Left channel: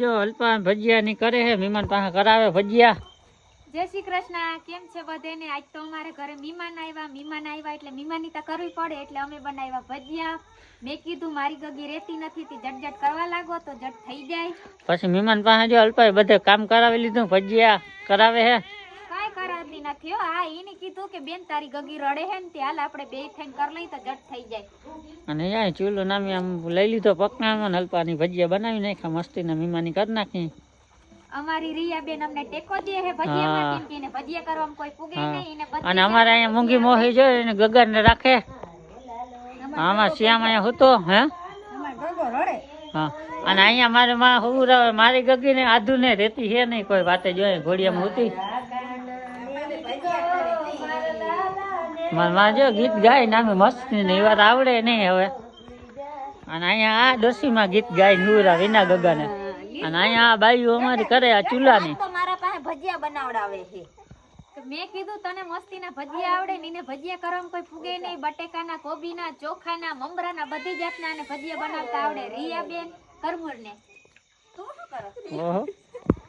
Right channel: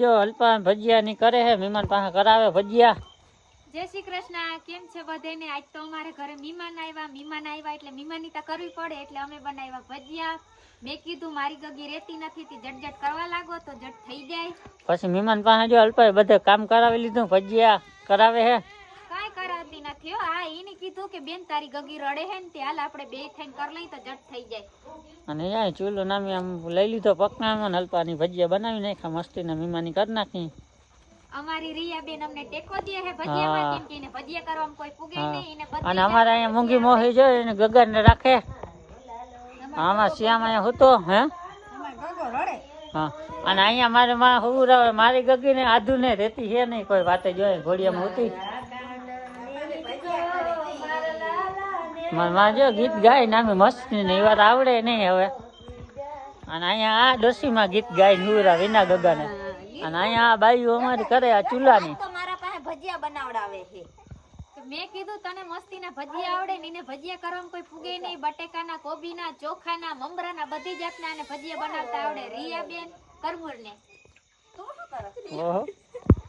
જો અલ્પા ભજીયા ની કરે હે, મહેમાન પાસે કરાવે ભજીયા. જય શ્રી કૃષ્ણ, કેમ છે બધાને? આજ તો અમારે ઘરે મહેમાન આવ્યા એટલે મહેમાની તો કરવી પડે એટલે અમે બનાવ્યા ભજીયા. મેં કીધું મારી ગગી રેતી નથી તી જટ કરવા લાગો તો જટ થઈ જાય. પછી મહેમાન પાસે જો અલ્પા બધે કામ કરાવી લીધું, ભજીયા કરાવે હે. કાઈ કરાવતી નથી હો. હા એને કીધું કે બેન તારી ગગી રડે હે ને તે હાલ આપણે બે થઈને કરી લઈ તો જટ થઈ જાય. અને અહીંયા ચૂલો નામી આમ લઈ લીધો પકનામાં, અલ્પાની ભજીયા બનાવી નાખ્યા મસ્તી ને મહેમાની કરી નાખી. અમારી રિયા બેન અમને ટેકો દે હે ભજીયા, કેમ કે એને ભજીયા કરવામાં કોઈ પૂગે નહીં. અને અમારે અહીંયા મૂંગી મોહી જો એને ગગર ને રાખે. આમાં શ્યામ અહીંયા હતો હે. હા અને અહીંયા મારે માં હું મારી ગગી ને આધુ ને રેતી છે નહીં કોઈ વાતે જોઈએ ઘોડિયામાં હતી. મારા જો ગીત ગાય નામી મસ્તી ને એ વાત આવડે નહીં હવે. અને અહીંયા આ ડોસીમાં ગીત ગાય નુરા વિના ગગાને. અને અહીંયા આ બાઈઓ અમારી કરે આ ચૂલાની. મારા પાસે ભજીયા બનાવડાવે છે. મેં કીધું તને મસ્તીના ભજીયા આવડે ને એને ભજીયા કરવામાં કોઈ પૂગે નહીં. બટેકાના, કોબીના, ચોખાના, મમરાના બધી જાતના અને ભજીયા બનાવતા આવડે. રિયા બેન કરમુર ને તું શું કરે?